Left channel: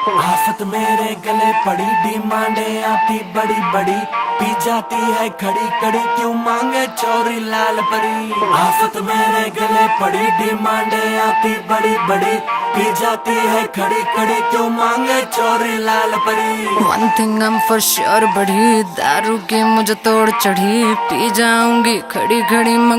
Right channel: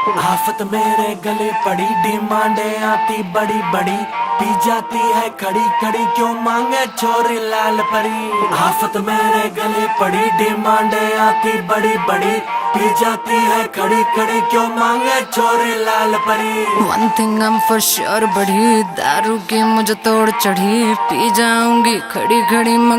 आफत मेरे गले पड़ी, डिमांडे आती बड़ी बड़ी, पी जाती है खड़ी खड़ी, क्यों मांगे छोरे लाल परी। आफत मेरे गले पड़ी, डिमांडे आती बड़ी बड़ी, पी जाती है खड़ी खड़ी, क्यों मांगे छोरे लाल परी। One thing I'm for sure, बढ़ी दारू की मुझे तोड़ चढ़ी, पी जाऊंगी खड़ी खड़ी।